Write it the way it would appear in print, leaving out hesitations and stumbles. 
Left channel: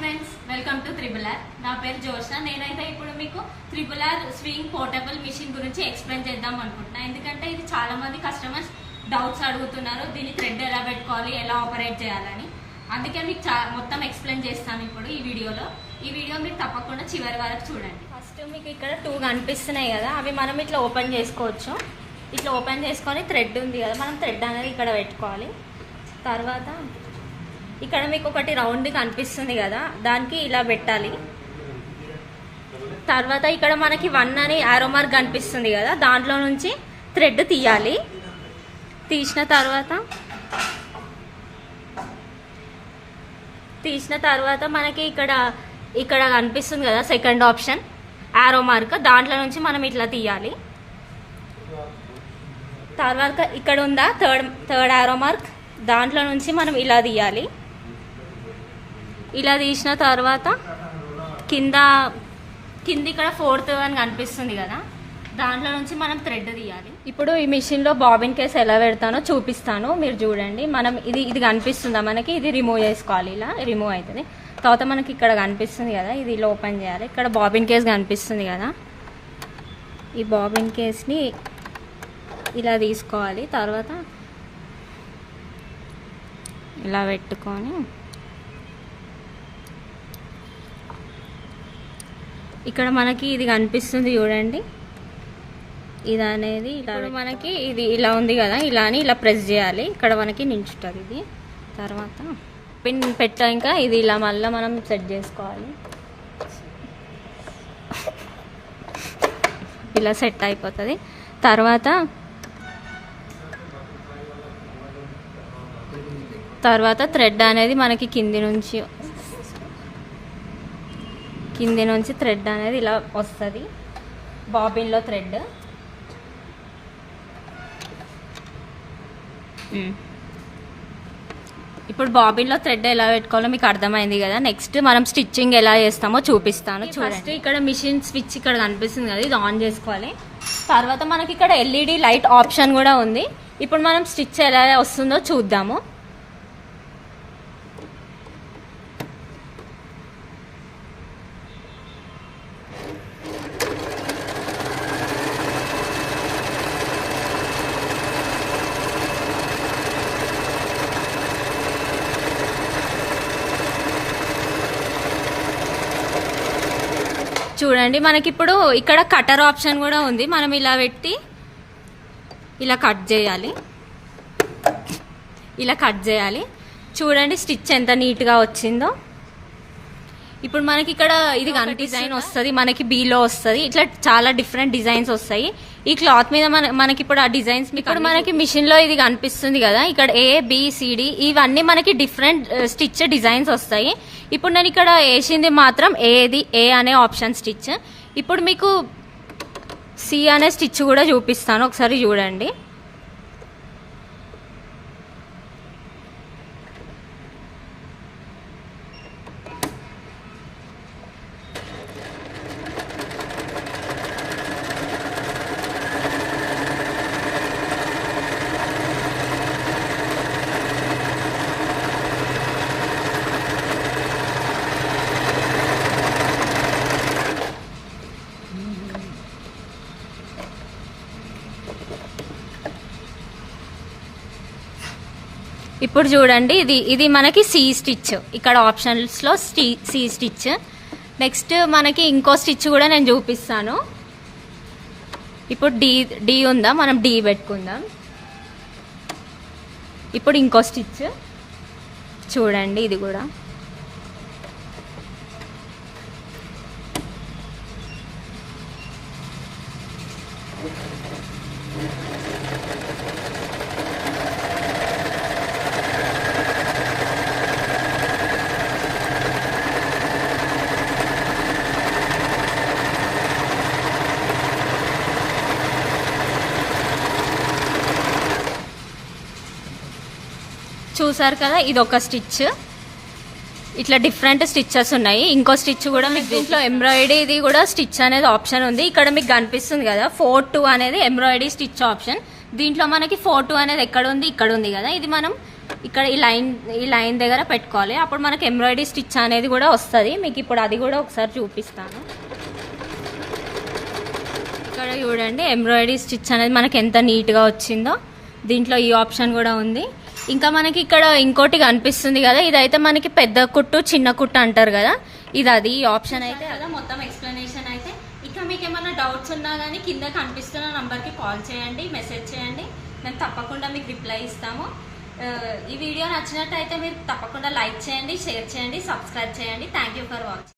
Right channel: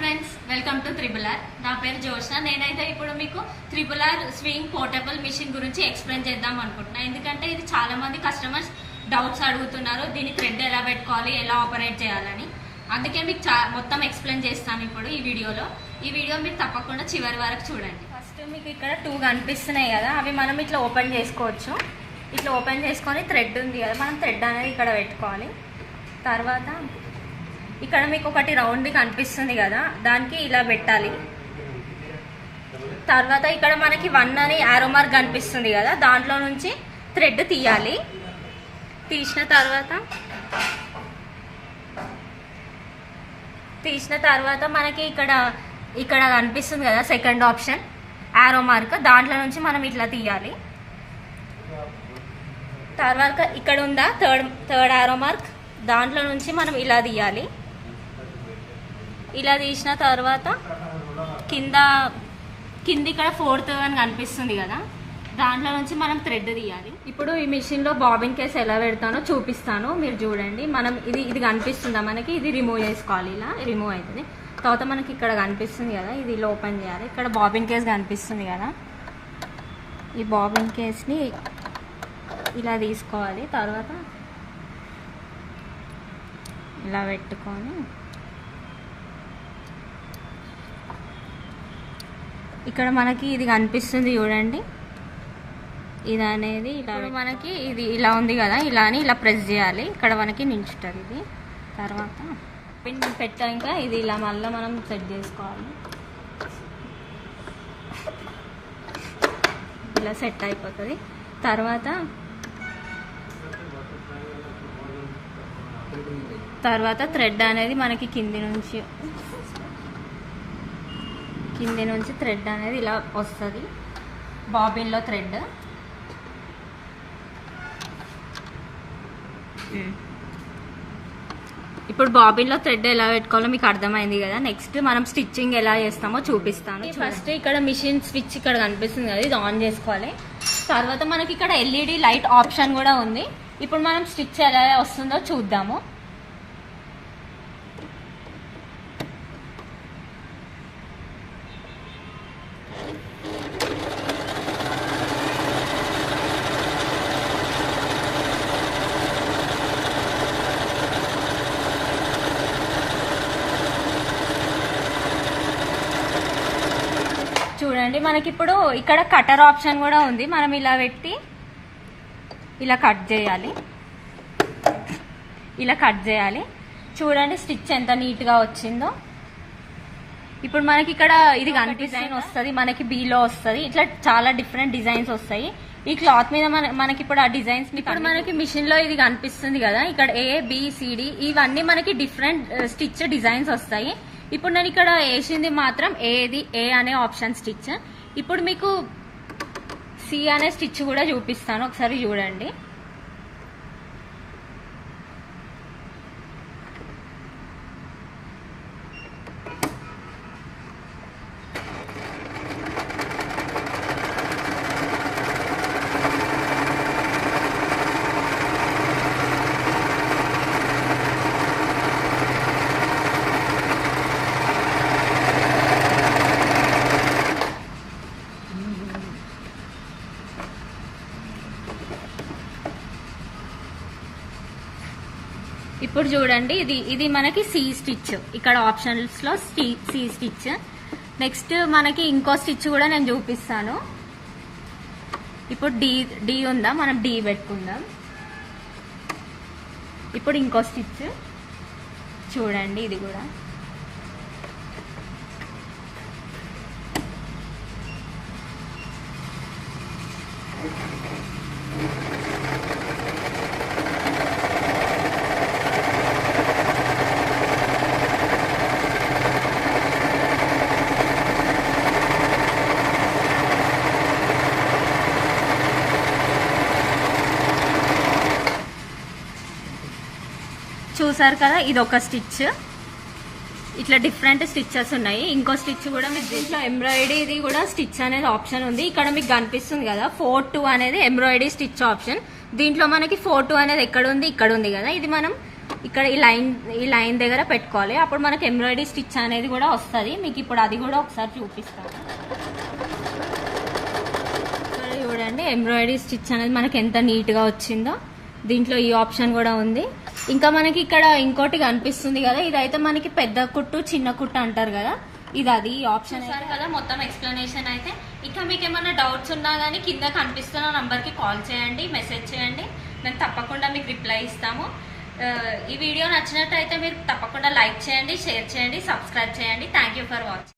Friends, welcome to triple R. నా పేరు జోష్న. నేనైతే ఇప్పుడు మీకు triple R swing portable machine గురించి ఎక్స్ప్లెయిన్ చేద్దాం అనుకుంటున్నా. ఎందుకంటే ఇది చాలా మంది కస్టమర్స్ డౌట్స్ అడుగుతున్నారు, దీని థ్రెడ్ ఎలా పెట్టుకోవాలి, ఎలా ఆపరేట్ చేయాలని. అందుకే మీకు మొత్తం ఎక్స్ప్లెయిన్ చేస్తాను ఇప్పుడు ఈ వీడియోలో. ఈ వీడియో మీరు తప్పకుండా చివరి వరకు చూడండి. ఫస్ట్ మీకు ఇక్కడ 2 కనిపిస్తున్నాయి కదా, అవి మనం ఇట్లా ఓపెన్ చేసుకోవచ్చు. ఇట్లా ఓపెన్ చేసుకొని థ్రెడ్ ఉంది కదా, మనం థ్రెడ్ అనేది ఇక్కడ పెట్టుకోవాలి. తర్వాత ఇక్కడ మీకు ఒకటి రౌండ్ కనిపిస్తుంది కదా, దానికి ఇలా పెట్టాలి. తర్వాత ఇక్కడ మనకి 1 అని యారో మార్క్ కనిపిస్తుంది కదా, దాంట్లో నుంచి థ్రెడ్ తీయాలి. తీసిన తర్వాత మనకి ఇక్కడ కనిపిస్తుంది కదా సెకండ్ ఆప్షన్ యారో మార్క్, దాంట్లో నుంచి మనం ఇట్లా తీయాలి. తర్వాత ఇక్కడ ఉందా థర్డ్ యారో మార్క్, దాంట్లో నుంచి మనం ఇలా తీయాలి. ఇలా తీసిన తర్వాత కింది ఇక్కడ 4th అని కనిపిస్తుంది కదా, దాంట్లో నుంచి మనం థ్రెడ్ తీయాలి. ఇప్పుడు ఈ మిషన్ లో బాబిన్ కేస్ ఎలా పెడతానో చూపిస్తాను, మీరు చూడండి. మనం ఇది కనిపిస్తుందా మనకి, ఇది రిమూవ్ చేసుకోవాలి. ఇలా రిమూవ్ అవుతుంది. తర్వాత మనకి ఇక్కడ కనిపిస్తుంది కదా, ఇది ఇలా ఓపెన్ చేయాలి. ఇక్కడ బాబిన్ కేస్ కనిపిస్తుంది కదా, ఈ బాబిన్ కేస్ని ఇలా తీసుకోవాలి. తర్వాత ఇలా పెట్టుకొని ఇక్కడ మనకి ఇది కనిపిస్తుంది చూడండి, ఇది అనేది ఇలా మనకి ఇది ఇలా ఉంది కదా, ఇలా అని ఇలా ప్రెస్ చేయాలి. ఇక్కడ మనకి నిల్చుంటుంది ఇది. తర్వాత పిన్ పెట్టాక ఇది ఇలా మళ్ళీ మనం సెట్ చేసుకోవాలి. ఇలా సెట్ అయిపోతుంది. తర్వాత థ్రెడ్ అనేది మనకి కింది నుంచి థ్రెడ్ అనేది ఇలా వస్తుంది. బాబిన్లో థ్రెడ్ ఇప్పుడు బాబిన్లో థ్రెడ్ ఎలా పెట్టుకోవాలో మీకు అర్థమైంది కదా. నెక్స్ట్ మనం స్టిచ్చింగ్ ఎలా చేస్తామో చూపిస్తాను. ఫస్ట్ ఇక్కడ మిషన్ స్విచ్ ఇక్కడ కనిపిస్తుంది కదా, ఇది ఆన్ చేసుకోవాలి. తర్వాత మనకి ఇక్కడ ఎల్ఈడి లైట్ ఆప్షన్ కూడా ఉంది. ఇప్పుడు మనం స్టిచ్ ఎలా వస్తుందో చూద్దాము. చూడండి, మనకి ఇప్పుడు ఇక్కడ కటర్ ఆప్షన్ కూడా ఉంది. మనం ఇలా పెట్టి ఇలా కట్ చేయాలి. చూడండి స్టిచ్ ఎంత నీట్గా వచ్చిందో. ఇప్పుడు మనకి ఇక్కడ ఇది డిజైన్ వస్తుంది, మనకి బీలో వస్తుంది. ఇట్లా చాలా డిఫరెంట్ డిజైన్స్ వస్తాయి ఈ క్లాత్ మీద. మనకి ఇప్పుడు ఆ డిజైన్స్ ఇప్పుడు మనకి మిషన్ లో ఇది కనిపిస్తుంది కదా, ఇక్కడ ABCD ఇవన్నీ మనకి డిఫరెంట్ స్టిచ్ డిజైన్స్ వస్తాయి. ఇప్పుడు నేను ఇక్కడ వేసింది మాత్రం A అనే ఆప్షన్ స్టిచ్. ఇప్పుడు మీకు C అనే స్టిచ్ కూడా చూపిస్తాను, ఒకసారి చూడండి. ఇప్పుడు చూడండి, ఇది మనకి C స్టిచ్, ఇక్కడ ఆప్షన్స్ లో C స్టిచ్. నెక్స్ట్ మనకి ఇంకో స్టిచ్ కూడా నేను చూపిస్తాను. ఇప్పుడు D ఉందా, మనం D పెట్టుకుందాం. ఇప్పుడు ఇంకో స్టిచ్ చూడండి, ఇది కూడా చూసారు కదా, ఇది ఒక స్టిచ్. ఇట్లా డిఫరెంట్ స్టిచ్చెస్ ఉన్నాయి. ఇంకో స్టిచ్ కూడా మీకు దీంట్లో ఎంబ్రాయిడరీ ఇది కూడా స్టిచ్ అనేది ఆప్షన్ ఉంది. ఇక్కడ మీకు కనిపిస్తుంది కదా 4-2 అనేది ఎంబ్రాయిడరీ స్టిచ్ ఆప్షన్. దీంట్లో మనకి 4-2 అనేది ఎక్కడ ఉంది, ఇక్కడ ఉంది కదా. ఇది మనం ఇక్కడ ఈ లైన్ దగ్గర పెట్టుకోవాలి. అప్పుడు మనకి ఎంబ్రాయిడరీ స్టిచ్ అనేది కూడా వస్తుంది. మీకు ఇప్పుడు అది కూడా ఒకసారి చూపిస్తాను. ఇక్కడ చూడండి ఎంబ్రాయిడరీ స్టిచ్ అనేది మనకి ఎంత నీట్గా వచ్చిందో. దీంట్లో ఈ ఆప్షన్ కూడా ఉంది. ఇంకా మనకి ఇక్కడ ఇంకోటి కనిపిస్తుంది కదా, ఇదైతే మనకి పెద్ద కుట్టు చిన్న కుట్టు అంటారు కదా, ఇది అది ఈ ఆప్షన్ అయితే కదా మొత్తం ఎక్స్ప్లెనేషన్ అయితే. ఇంకా మీకు ఏమైనా డౌట్స్ ఉన్నా కానీ కింద కనిపిస్తున్న నంబర్కి కాల్ చేయండి, మెసేజ్ చేయండి, మేము తప్పకుండా మీకు రిప్లై ఇస్తాము. ఈ వీడియో నచ్చినట్టయితే మీరు తప్పకుండా లైక్ చేయండి, షేర్ చేయండి, సబ్స్క్రైబ్ చేయండి. Thank you for watching.